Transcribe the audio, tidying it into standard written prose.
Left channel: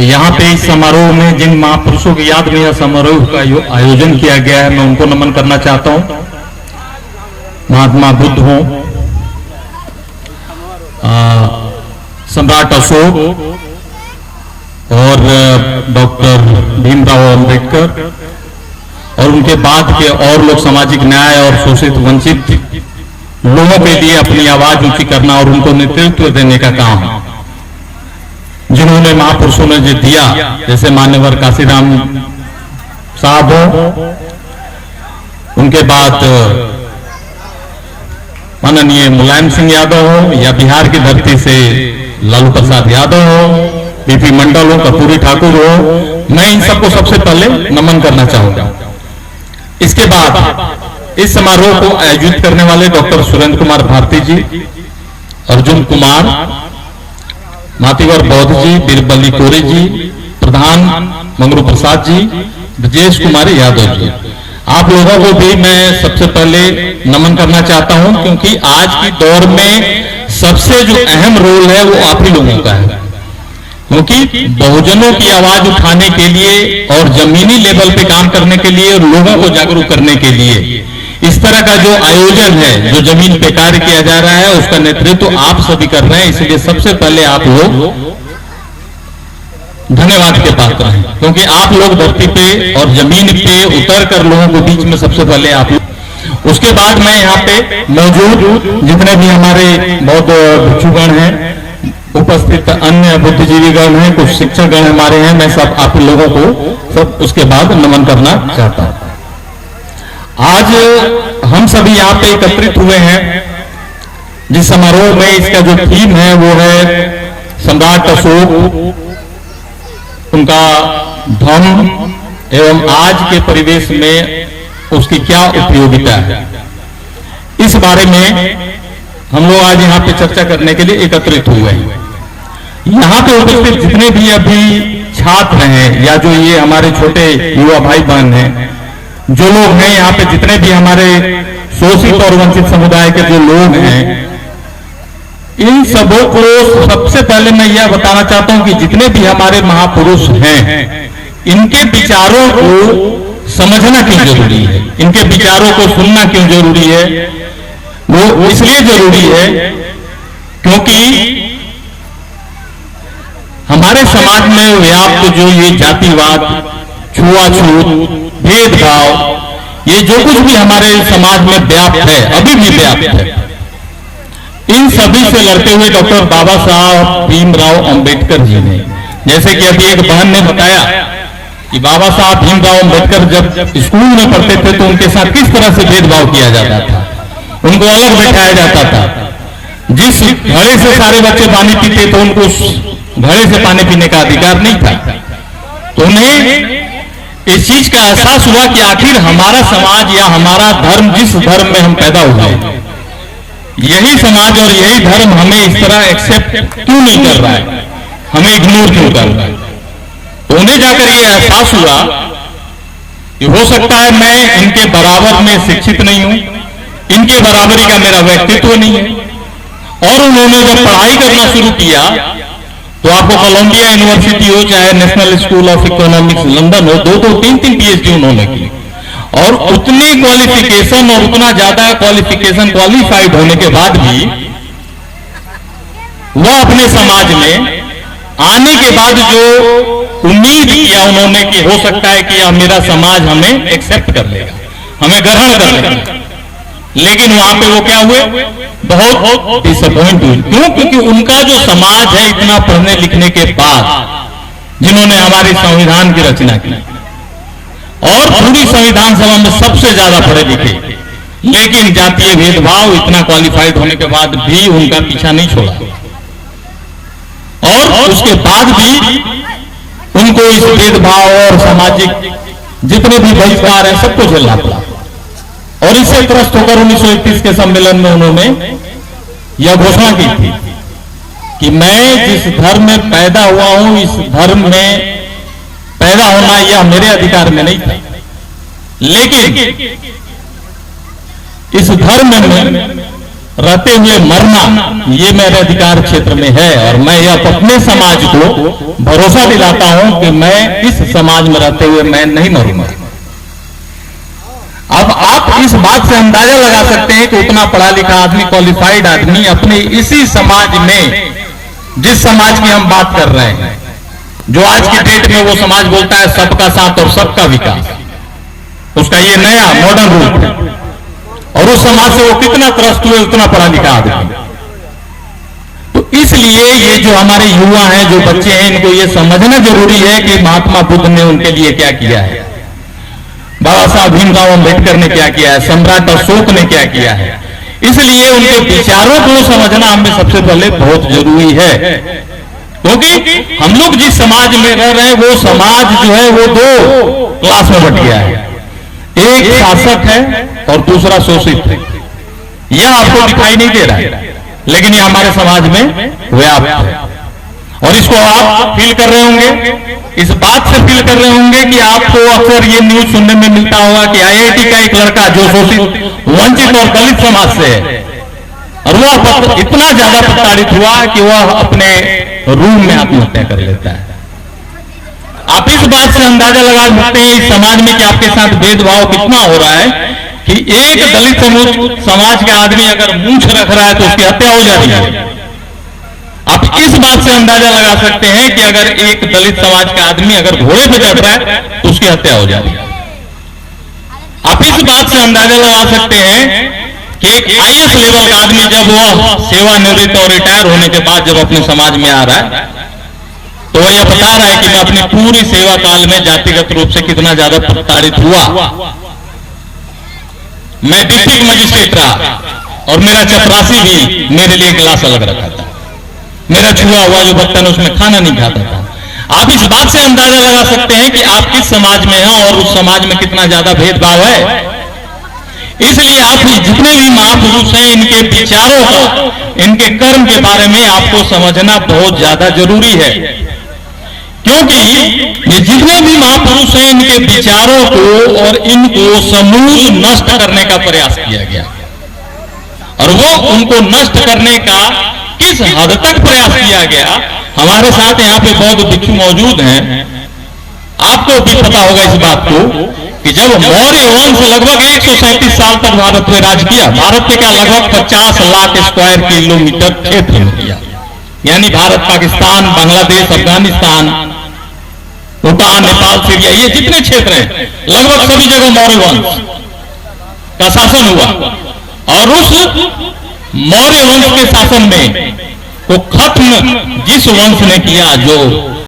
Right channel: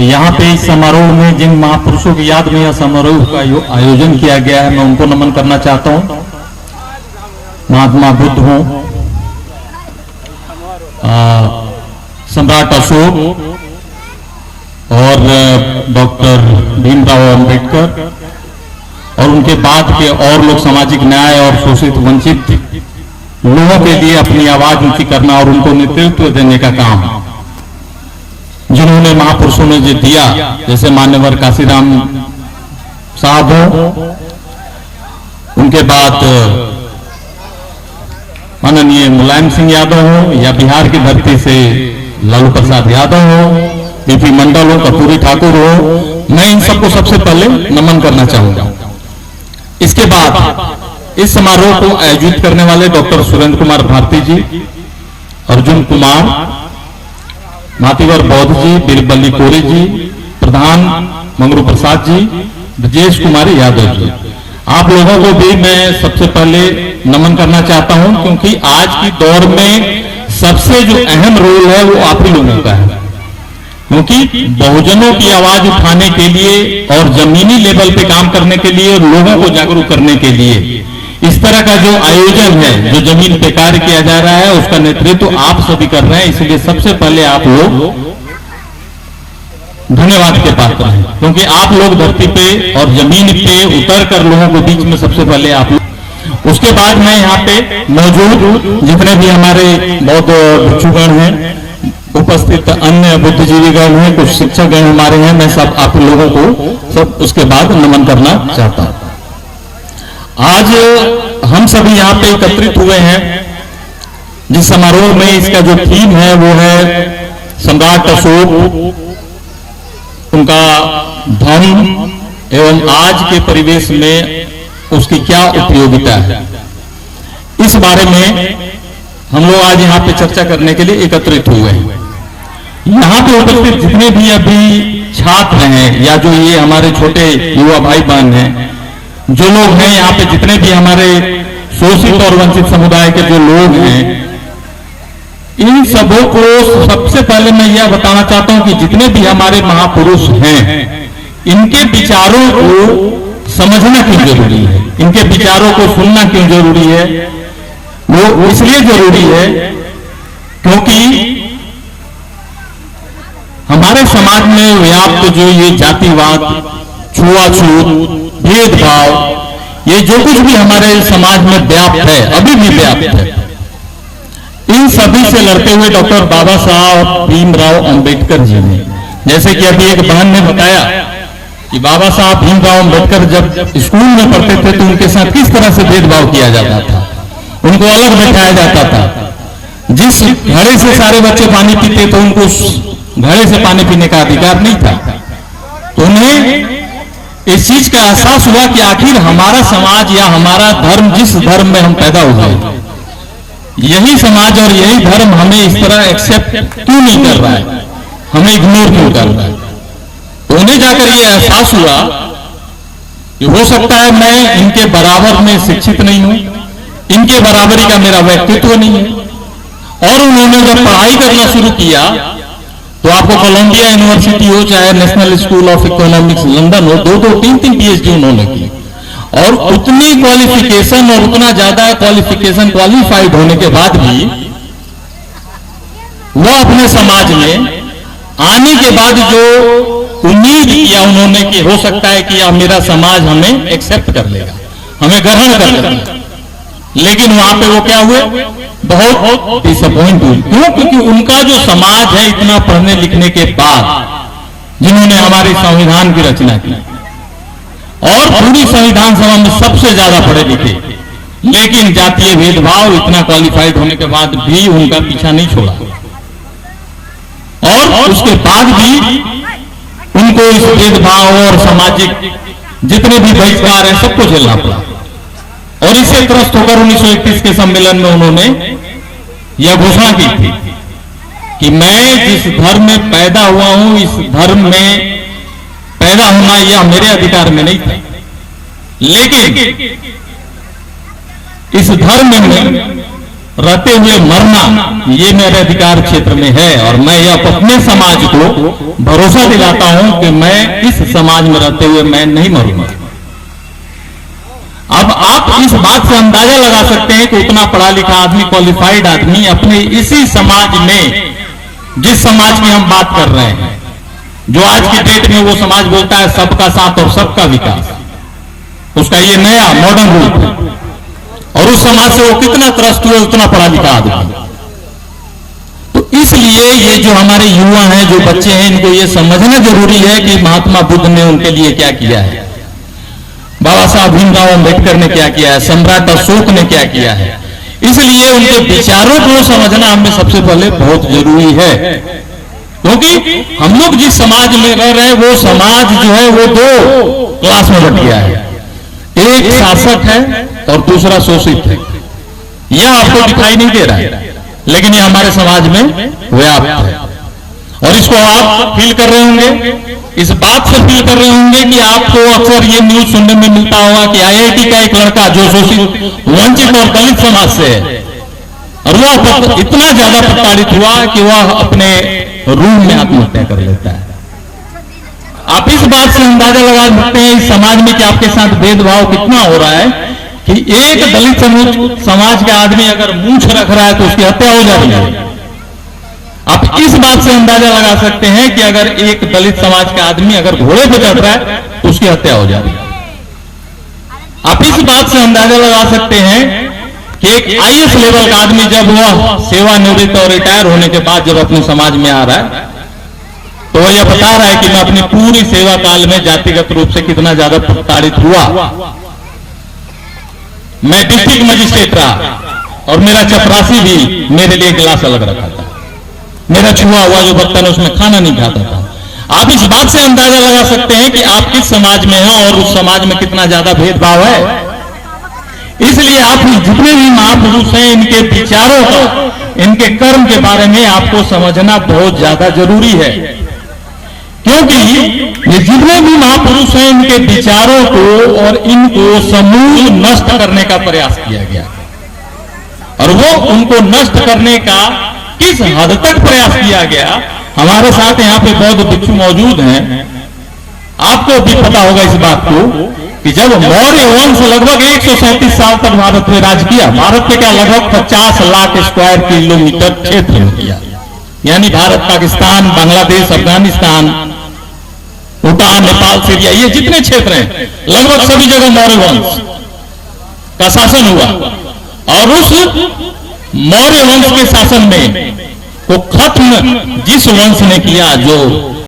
यहाँ पे इस समारोह में जिन महापुरुषों की याद में यह समारोह का आयोजन किया गया है, मैं उनको नमन करना चाहता हूँ। महात्मा बुद्ध हो, सम्राट अशोक और डॉक्टर भीमराव अंबेडकर और उनके बाद के और लोग सामाजिक न्याय और शोषित वंचित लोगों के लिए अपनी आवाज ऊंची करना और उनको नेतृत्व देने का काम जिन्होंने महापुरुषों ने जो दिया, जैसे मान्यवर काशीराम साहब हो, उनके बाद माननीय मुलायम सिंह यादव हो, या बिहार की धरती से लालू प्रसाद यादव हो, बीपी मंडल हो, कर्पूरी ठाकुर हो, मैं इन सबको सबसे पहले नमन करना चाहूंगा। इसके बाद इस समारोह को आयोजित करने वाले डॉक्टर सुरेंद्र कुमार भारती जी, अर्जुन कुमार, मातीवर बौद्ध जी, बीरबली कोरे जी, प्रधान मंगरू प्रसाद जी, ब्रजेश कुमार यादव जी, आप लोगों को भी मैं सबसे पहले नमन करना चाहता हूं, क्योंकि आज की दौर में सबसे जो अहम रोल है वो आप ही लोगों का है। क्योंकि बहुजनों की आवाज उठाने के लिए और जमीनी लेवल पे काम करने के लिए और लोगों को जागरूक करने के लिए इस तरह का जो आयोजन है, जो जमीन पे कार्य किया जा रहा है, उसका नेतृत्व आप सभी कर रहे हैं। इसलिए सबसे पहले आप लोग धन्यवाद के पात्र हैं, क्योंकि आप लोग धरती पे और जमीन पे उतर कर लोगों को बीच में सबसे पहले आप लोग। उसके बाद मैं यहाँ पे मौजूद जितने भी हमारे बौद्ध भिक्षुगण हैं, उपस्थित अन्य बुद्धिजीवीगण हैं, कुछ शिक्षकगण हमारे हैं, मैं सब आप लोगों को सब उसके बाद नमन करना चाहता हूं। आज हम सभी यहाँ पे एकत्रित हुए हैं जिस समारोह में, इसका जो थीम है वो है सम्राट अशोक, उनका धर्म एवं आज के परिवेश में उसकी क्या उपयोगिता है। इस बारे में हम लोग आज यहाँ पे चर्चा करने के लिए एकत्रित हुए हैं। यहाँ पे उपस्थित जितने भी अभी छात्र हैं या जो ये हमारे छोटे युवा भाई बहन हैं, जो लोग हैं यहाँ पे, जितने भी हमारे शोषित और वंचित समुदाय के जो लोग हैं, इन सबों को सबसे पहले मैं यह बताना चाहता हूं कि जितने भी हमारे महापुरुष हैं, इनके विचारों को समझना क्यों जरूरी है, इनके विचारों को सुनना क्यों जरूरी है। वो इसलिए जरूरी है क्योंकि हमारे समाज में व्याप्त जो ये जातिवाद, छुआछूत, भेदभाव, ये जो कुछ भी हमारे समाज में व्याप्त है, अभी भी व्याप्त है, इन सभी से लड़ते हुए डॉक्टर बाबा साहब भीमराव अंबेडकर जी ने, जैसे कि अभी एक बहन ने बताया कि बाबा साहब भीमराव अंबेडकर जब स्कूल में पढ़ते थे तो उनके साथ किस तरह से भेदभाव किया जाता था, उनको अलग बैठाया जाता था। जिस घड़े से सारे बच्चे पानी पीते थे, उनको उस घड़े से पानी पीने का अधिकार नहीं था। तो उन्हें इस चीज का एहसास हुआ कि आखिर हमारा समाज या हमारा धर्म, जिस धर्म में हम पैदा हुए, यही समाज और यही धर्म हमें इस तरह एक्सेप्ट क्यों नहीं कर रहा है, हमें इग्नोर क्यों कर रहा है। तो उन्हें जाकर ये एहसास हुआ कि हो सकता है मैं इनके बराबर में शिक्षित नहीं हूं, इनके बराबरी का मेरा व्यक्तित्व नहीं है। और उन्होंने जब पढ़ाई करना शुरू किया तो आपको कोलंबिया यूनिवर्सिटी हो, चाहे national school of economics London हो, दो तीन पीएचडी उन्होंने की, और उतनी क्वालिफिकेशन और उतना ज्यादा क्वालिफिकेशन क्वालिफाइड होने के बाद भी वह अपने समाज में आने के बाद जो उम्मीद किया उन्होंने कि हो सकता है कि मेरा समाज हमें एक्सेप्ट कर लेगा, हमें ग्रहण कर लेगा, लेकिन वहां पे वो क्या हुए, बहुत डिसअपॉइंट हुए। क्यों? क्योंकि उनका जो समाज है, इतना पढ़ने लिखने के बाद जिन्होंने हमारे संविधान की रचना की और पूरी संविधान सभा में सबसे ज्यादा पढ़े लिखे, लेकिन जातीय भेदभाव, इतना क्वालिफाइड होने के बाद भी उनका पीछा नहीं छोड़ा, और उसके बाद भी उनको इस भेदभाव और सामाजिक जितने भी बहिष्कार है सबको झेलना पड़ा। और इससे त्रस्त होकर 1931 के सम्मेलन में उन्होंने यह घोषणा की थी कि मैं जिस धर्म में पैदा हुआ हूं, इस धर्म में पैदा होना यह मेरे अधिकार में नहीं था, लेकिन इस धर्म में रहते हुए मरना ये मेरे अधिकार क्षेत्र में है, और मैं यह अपने समाज को भरोसा दिलाता हूं कि मैं इस समाज में रहते हुए मैं नहीं मरूंगा। अब आप इस बात से अंदाजा लगा सकते हैं कि उतना पढ़ा लिखा आदमी, क्वालिफाइड आदमी अपने इसी समाज में, जिस समाज की हम बात कर रहे हैं, जो आज की डेट में वो समाज बोलता है सबका साथ और सबका विकास, उसका ये नया मॉडर्न रूप है, और उस समाज से वो कितना त्रस्त हुए, उतना पढ़ा लिखा आदमी। तो इसलिए ये जो हमारे युवा हैं, जो बच्चे हैं, इनको ये समझना जरूरी है कि महात्मा बुद्ध ने उनके लिए क्या किया है, बाबा साहब भीमराव अम्बेडकर ने क्या किया है, सम्राट अशोक ने क्या किया है। इसलिए उनके विचारों को समझना हमें सबसे पहले बहुत जरूरी है, क्योंकि हम लोग जिस समाज में रह रहे हैं वो समाज जो है वो दो क्लास में बट गया है, एक शासक है और दूसरा शोषित है। यह आपको दिखाई नहीं दे रहा है, लेकिन यह हमारे समाज में व्याप्त है, और इसको आप फील कर रहे होंगे, इस बात से फील कर रहे होंगे कि आपको अक्सर ये न्यूज सुनने में मिलता होगा कि आईआईटी का एक लड़का जो शोषित, वंचित और दलित समाज से है, और वह इतना ज्यादा प्रताड़ित हुआ कि वह अपने रूम में आत्महत्या कर लेता है। आप इस बात से अंदाजा लगा सकते हैं इस समाज में कि आपके साथ भेदभाव कितना हो रहा है, कि एक दलित समाज का आदमी अगर मूंछ रख रहा है तो उसकी हत्या हो जा रही है। आप इस बात से अंदाजा लगा सकते हैं कि अगर एक दलित समाज का आदमी अगर घोड़े पे चढ़ रहा है तो उसकी हत्या हो जा रही है। आप इस बात से अंदाजा लगा सकते हैं कि एक आईएएस लेवल का आदमी जब वह सेवानिवृत्त और रिटायर होने के बाद जब अपने समाज में आ रहा है तो वह यह बता रहा है कि मैं अपनी पूरी सेवा काल में जातिगत रूप से कितना ज्यादा प्रताड़ित हुआ। मैं डिस्ट्रिक्ट मजिस्ट्रेट रहा और मेरा चपरासी भी मेरे लिए गिलास अलग रखा था, मेरा छुआ हुआ जो बर्तन उसमें खाना नहीं खाता था। आप इस बात से अंदाजा लगा सकते हैं कि आप किस समाज में हैं और उस समाज में कितना ज्यादा भेदभाव है। इसलिए आप जितने भी महापुरुष हैं इनके विचारों को, इनके कर्म के बारे में आपको समझना बहुत ज्यादा जरूरी है, क्योंकि ये जितने भी महापुरुष हैं इनके विचारों को और इनको समूल नष्ट करने का प्रयास किया गया, और वो उनको नष्ट करने का किस हद तक प्रयास किया गया। हमारे साथ यहाँ पे बौद्ध भिक्षु मौजूद हैं, आपको भी पता होगा इस बात को कि जब मौर्य वंश लगभग 137 साल तक भारत में राज किया, भारत के क्या लगभग 50 लाख स्क्वायर किलोमीटर क्षेत्र में किया, यानी भारत, पाकिस्तान, बांग्लादेश, अफगानिस्तान, भूटान, नेपाल, सीरिया, ये जितने क्षेत्र हैं लगभग सभी जगह मौर्य वंश का शासन हुआ। और उस मौर्य वंश के शासन में को खत्म जिस वंश ने किया, जो